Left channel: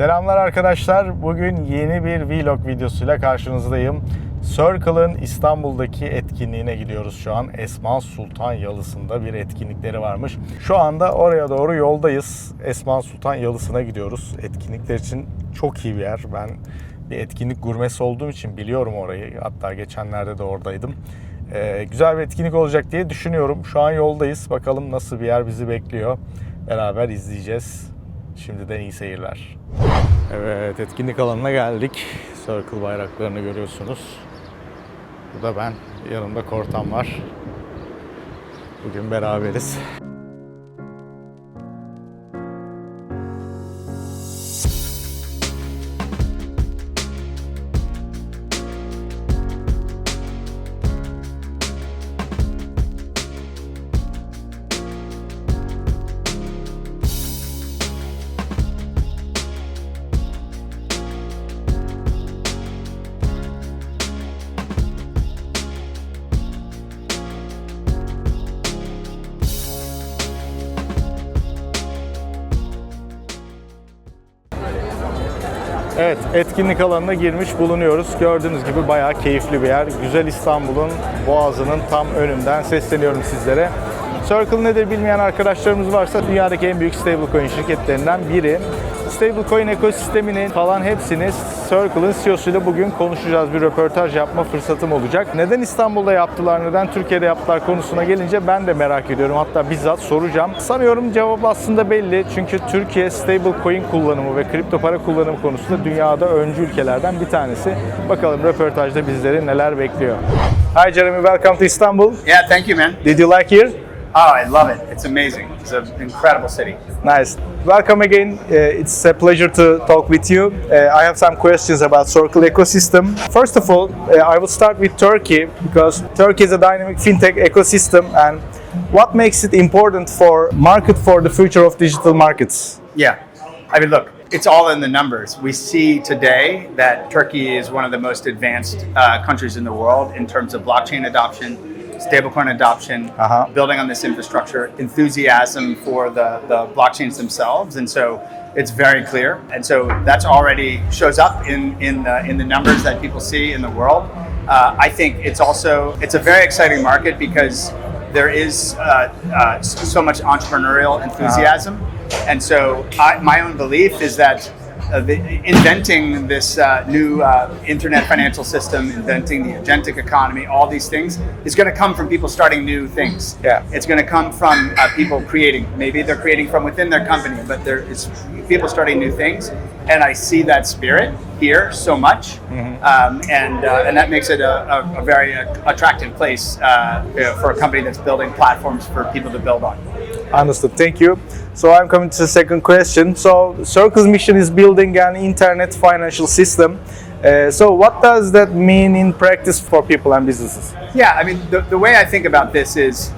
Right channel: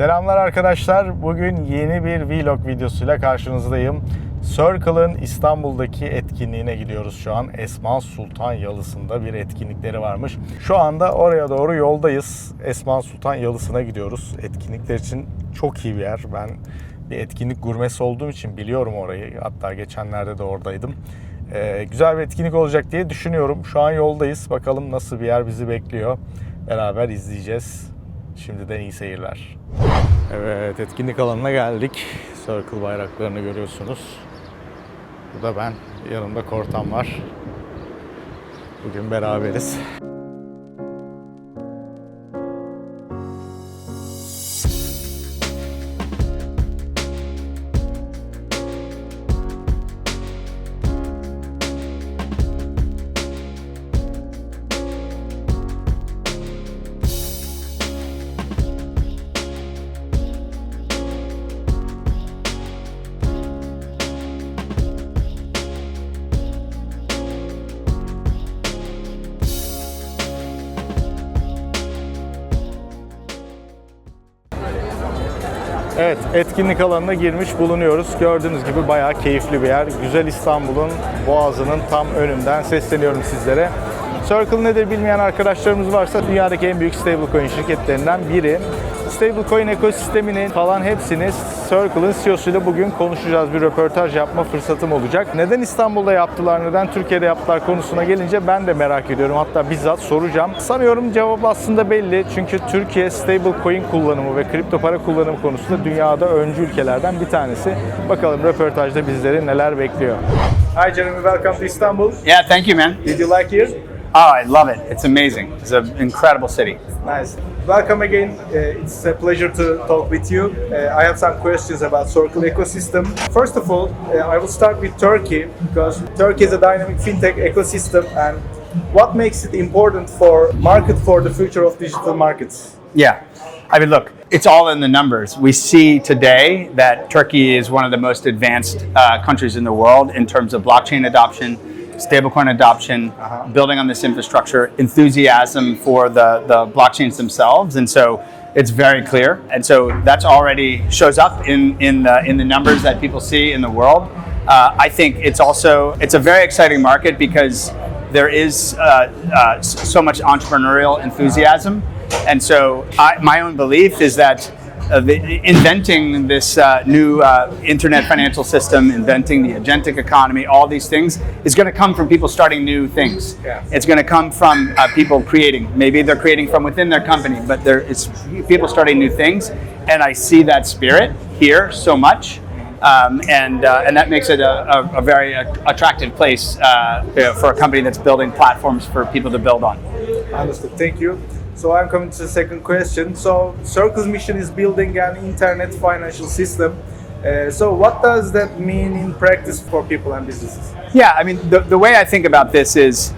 Selamlar arkadaşlar. Bugün yeni bir vlog videosuyla karşınızdayım. Circle'ın İstanbul'daki etkinliğine gidiyoruz şu an. Esma Sultan Yalısı'nda bir etkinlikleri varmış. Şu anda oraya doğru yoldayız. Esma Sultan Yalısı'na gidiyoruz. Etkinlikler için çok iyi bir yer. Ben bir etkinlik gurmesi olduğum için biliyorum orayı. Hatta geçenlerde de oradaydım. Güzel bir etkinlik olacak diye düşünüyorum. Şu an yoldayız. Bakalım nasıl bir yer bizi bekliyor. Beraber izleyeceğiz. Şimdiden iyi seyirler. Evet, etkinlik alanına geldik. Circle bayraklarını görüyorsunuz. Bu da ben. Yanımda Kortan var. Bugün beraberiz. Evet, etkinlik alanına girmiş bulunuyoruz. Gördüğünüz gibi bayağı keyifli bir yer. Güzel İstanbul'un boğazının tam önünden sesleniyorum sizlere. Circle nedir bilmeyen arkadaşlarımız varsa dünyadaki en büyük stablecoin şirketlerinden biri. Stablecoin ekosisteminin falan hepsini Circle'ın CEO'suyla bugün konuşacağız. Bir röportaj yapma fırsatım olacak. Neden İstanbul'da yaptılar, neden Türkiye'de yaptılar konusuna gelince ben de merak ediyorum. Hatta bizzat soracağım. Sanıyorum cevap aslında belli. Çünkü Türkiye stablecoin kullanımı ve kripto para kullanımı konusunda dünyada öncü ülkelerden bir tanesi. Bakalım röportajda bizleri neler bekliyor. Hi Jeremy, welcome to Istanbul. Yeah, thank you, man. Did you like here? Oh, I love it. It's amazing. It's an incredible city. Nice. Welcome again. It's a pleasure to talk with you. I have some questions about Circle ecosystem. First of all, I will start with Turkey because Turkey is a dynamic fintech ecosystem, and what makes it important for market for the future of digital markets? Yeah. I mean, look, it's all in the numbers. We see today that Turkey is one of the most advanced countries in the world in terms of blockchain adoption, stablecoin adoption, building on this infrastructure, enthusiasm for the blockchains themselves, and so it's very clear. And so that's already shows up in the numbers that people see in the world. I think it's a very exciting market because there is so much entrepreneurial enthusiasm, and so my own belief is that inventing this new internet financial system, inventing the agentic economy, all these things is going to come from people starting new things. Yeah. It's going to come from people creating. Maybe they're creating from within their company, but it's people starting new things. And I see that spirit here so much, and that makes it a very attractive place for a company that's building platforms for people to build on. Understood. Thank you. So I'm coming to the second question. So Circle's mission is building an internet financial system. So what does that mean in practice for people and businesses? Yeah, I mean, the way I think about this is,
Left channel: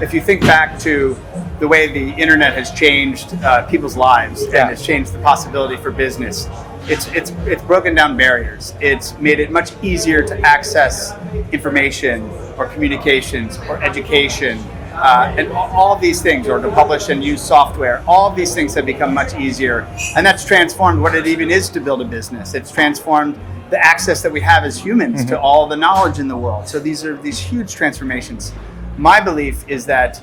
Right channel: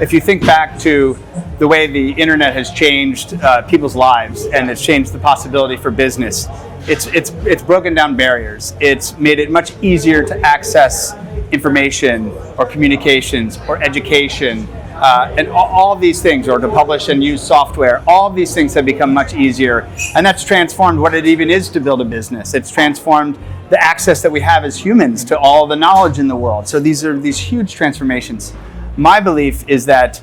if you think back to the way the internet has changed people's lives and it's changed the possibility for business, it's broken down barriers. It's made it much easier to access information or communications or education. And all these things, or to publish and use software, all these things have become much easier. And that's transformed what it even is to build a business. It's transformed the access that we have as humans to all the knowledge in the world. So these are these huge transformations. My belief is that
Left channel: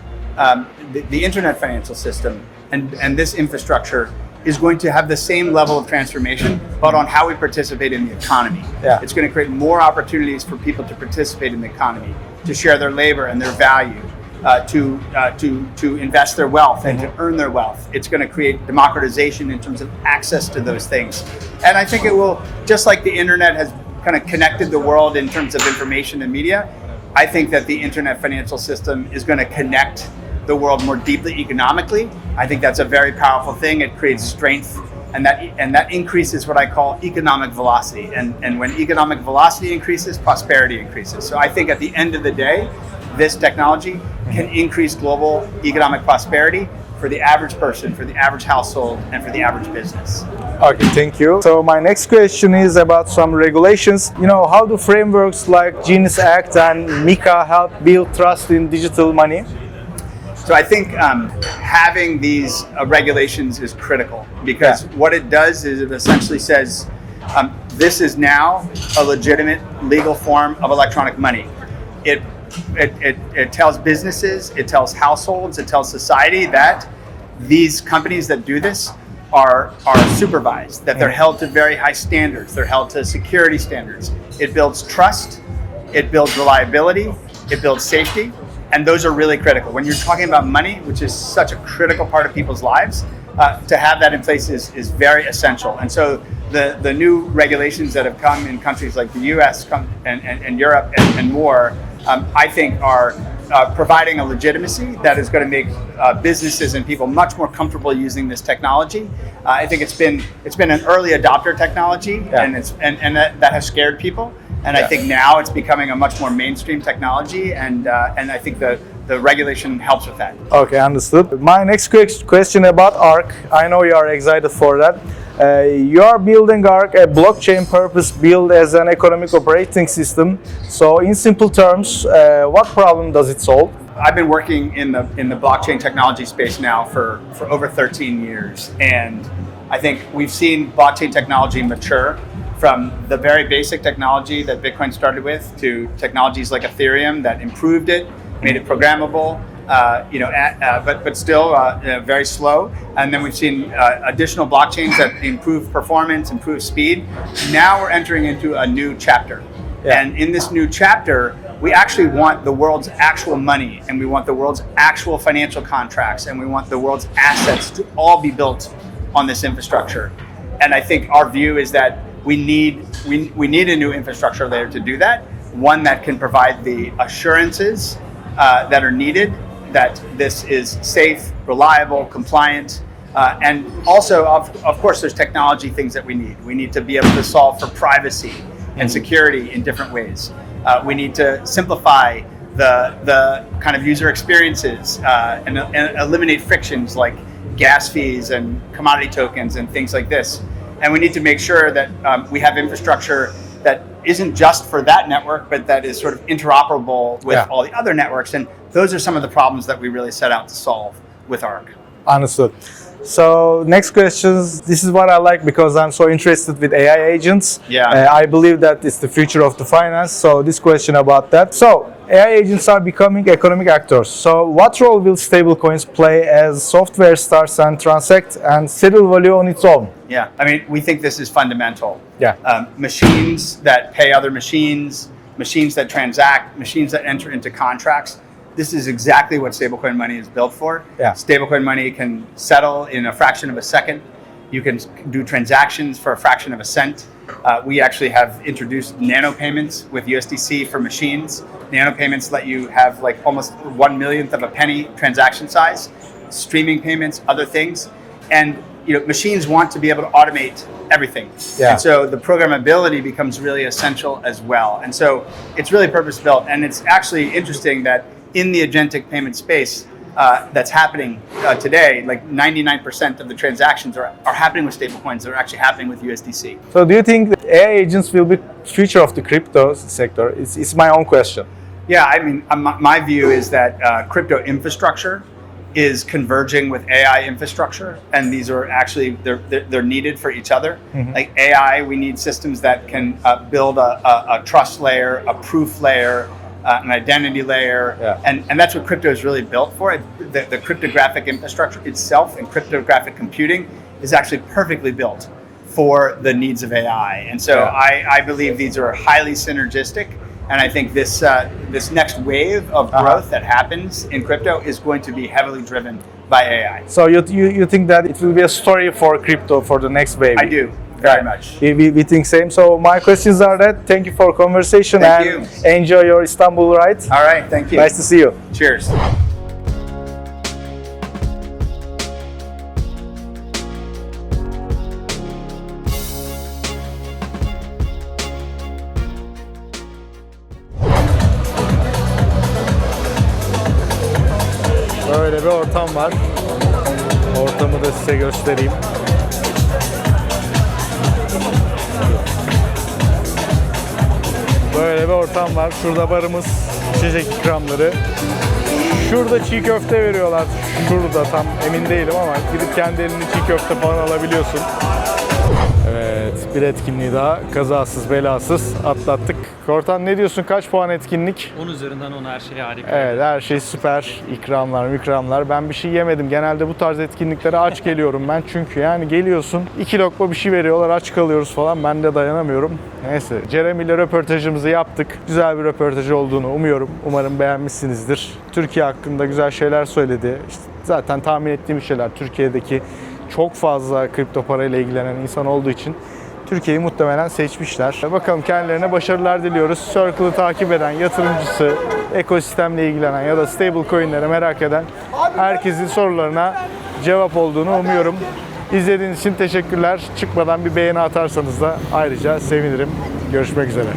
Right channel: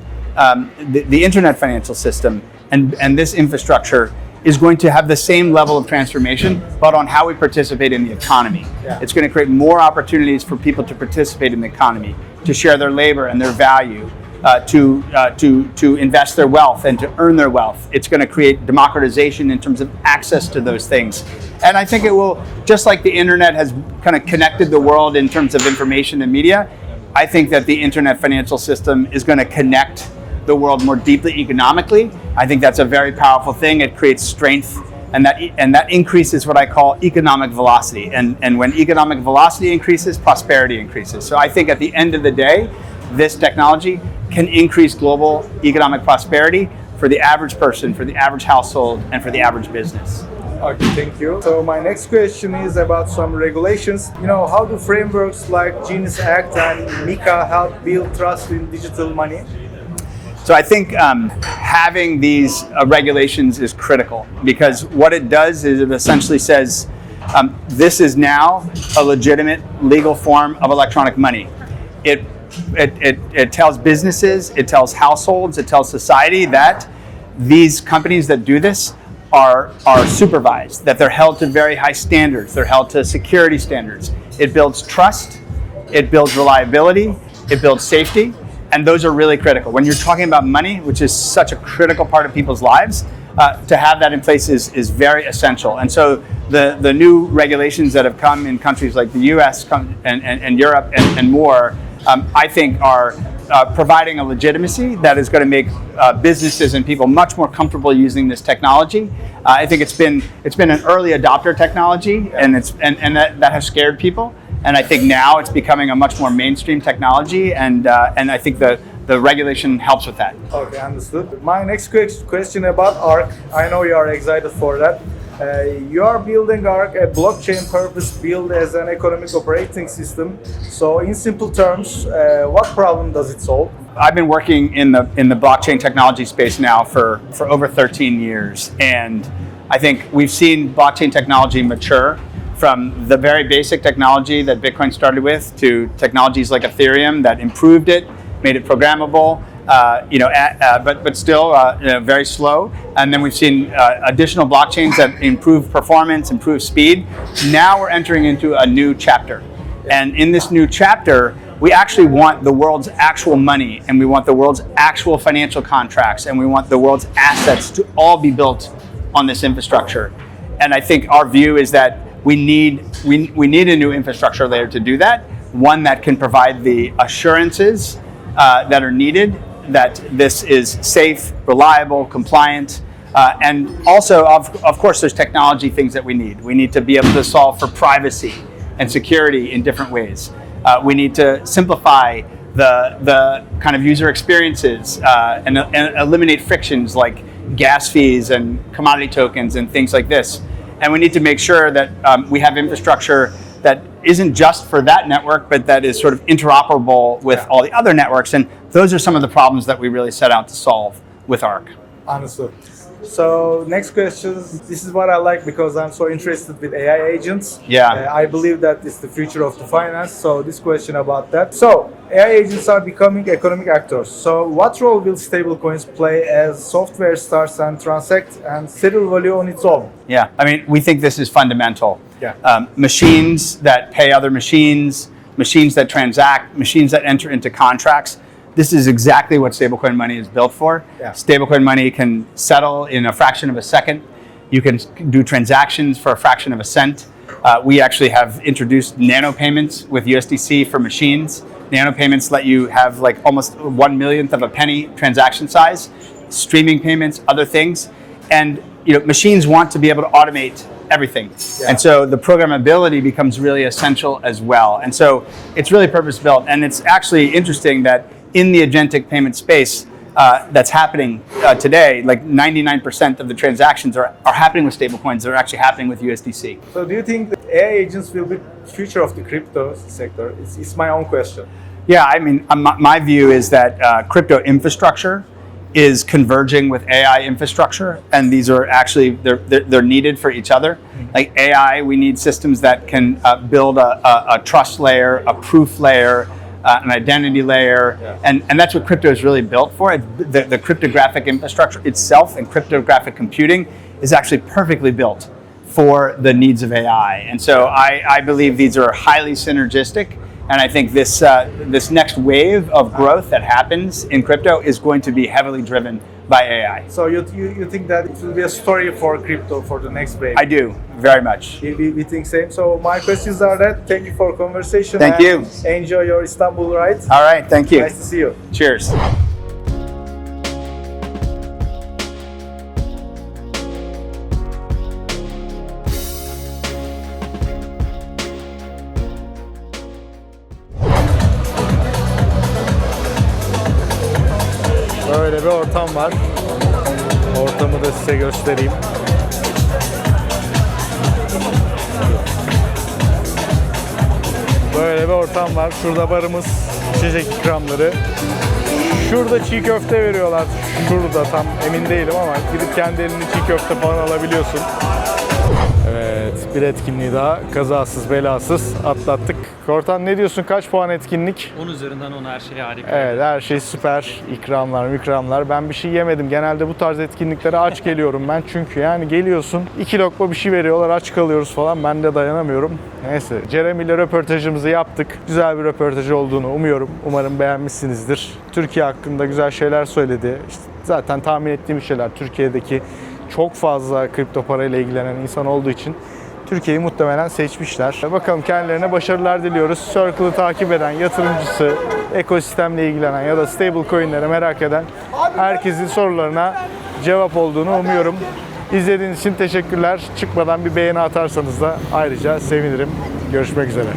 the internet financial system and this infrastructure is going to have the same level of transformation, but on how we participate in the economy. Yeah. It's going to create more opportunities for people to participate in the economy, to share their labor and their value. To invest their wealth and to earn their wealth. It's going to create democratization in terms of access to those things. And I think it will, just like the internet has kind of connected the world in terms of information and media, I think that the internet financial system is going to connect the world more deeply economically. I think that's a very powerful thing. It creates strength, and that increases what I call economic velocity. And when economic velocity increases, prosperity increases. So I think at the end of the day, this technology can increase global economic prosperity for the average person, for the average household, and for the average business. Okay, thank you. So my next question is about some regulations. How do frameworks like Genius Act and MiCA help build trust in digital money? So I think having these regulations is critical because what it does is it essentially says this is now a legitimate legal form of electronic money. It tells businesses, it tells households, it tells society that these companies that do this are supervised, that they're held to very high standards, they're held to security standards. It builds trust, it builds reliability, it builds safety, and those are really critical. When you're talking about money, which is such a critical part of people's lives, to have that in place is very essential. And so the new regulations that have come in countries like the US and Europe and more, I think are providing a legitimacy that is going to make businesses and people much more comfortable using this technology. I think it's been an early adopter technology, and that has scared people. And I think now it's becoming a much more mainstream technology, and I think the regulation helps with that. Okay, understood. My next question about ARK. I know you are excited for that. You're building ARK, a blockchain purpose built as an economic operating system. So in simple terms, what problem does it solve? I've been working in the blockchain technology space now for over 13 years, and I think we've seen blockchain technology mature from the very basic technology that Bitcoin started with to technologies like Ethereum that improved it, made it programmable, but still very slow. And then we've seen additional blockchains that improve performance, improve speed. Now we're entering into a new chapter. Yeah. And in this new chapter, we actually want the world's actual money, and we want the world's actual financial contracts, and we want the world's assets to all be built on this infrastructure. And I think our view is that we need a new infrastructure layer to do that, one that can provide the assurances that are needed, that this is safe, reliable, compliant, and also, of course, there's technology things that we need. We need to be able to solve for privacy and security in different ways. We need to simplify the kind of user experiences and eliminate frictions like gas fees and commodity tokens and things like this. And we need to make sure that we have infrastructure that isn't just for that network, but that is sort of interoperable with all the other networks. And those are some of the problems that we really set out to solve with ARK. Understood. So next questions. This is what I like because I'm so interested with AI agents. Yeah. I believe that it's the future of the finance. So this question about that. So AI agents are becoming economic actors. So what role will stablecoins play as software starts and transact and settle value on its own? Yeah, I mean, we think this is fundamental. Yeah. Machines that pay other machines, machines that transact, machines that enter into contracts. This is exactly what stablecoin money is built for. Yeah. Stablecoin money can settle in a fraction of a second. You can do transactions for a fraction of a cent. We actually have introduced nano payments with USDC for machines. Nano payments let you have like almost 1/1,000,000th of a penny transaction size, streaming payments, other things. And machines want to be able to automate everything. Yeah. And so the programmability becomes really essential as well. And so it's really purpose built. And it's actually interesting that in the agentic payment space that's happening today, like 99% of the transactions are happening with stablecoins. They're actually happening with USDC. So do you think that AI agents will be future of the crypto sector? It's my own question. Yeah, I mean, my view is that crypto infrastructure is converging with AI infrastructure, and these are actually they're needed for each other. Mm-hmm. Like AI, we need systems that can build a trust layer, a proof layer, an identity layer, and that's what crypto is really built for. The cryptographic infrastructure itself and cryptographic computing is actually perfectly built for the needs of AI. And so I believe these are highly synergistic. And I think this next wave of growth that happens in crypto is going to be heavily driven by AI. So you think that it will be a story for crypto for the next wave? I do, very much. We think same. So my questions are that. Thank you for conversation. Thank you. Enjoy your Istanbul ride. All right, thank you. Nice to see you. Cheers. Böyle bir ortam var. Ortamı da size göstereyim. Böyle bir ortam var. Şurada barımız, içecek ikramları. Şurada çiğ köfte veriyorlar. Şurada tam emin değilim ama gidip kendi elini çiğ köfte falan alabiliyorsun. Evet, bir etkinliği daha kazasız belasız atlattık. Kortan ne diyorsun? Kaç puan etkinlik? 10 üzerinden 10 her şey harika. Evet, her şey süper. İkramlar. Ben bir şey yemedim. Genelde bu tarz etkinliklere aç geliyorum ben. Çünkü yani geliyorsun, 2 lokma bir şey veriyorlar, aç kalıyoruz falan. Ben de dayanamıyorum. Neyse, Jeremy ile röportajımızı yaptık. Güzel bir röportaj olduğunu umuyorum. Umarım beğenmişsinizdir. Türkiye hakkında güzel şeyler söyledi. İşte zaten tahmin ettiğim şeyler. Türkiye'deki çok fazla kripto parayla ilgilenen insan olduğu için Türkiye'yi muhtemelen seçmişler. Bakalım, kendilerine başarılar diliyoruz. Circle'ı takip eden, yatırımcısı, ekosistemle ilgilenen ya da stable coin'leri merak eden herkesin sorularına cevap olduğunu umuyorum. İzlediğiniz için teşekkürler. Çıkmadan bir beğeni atarsanız da ayrıca sevinirim. Görüşmek üzere.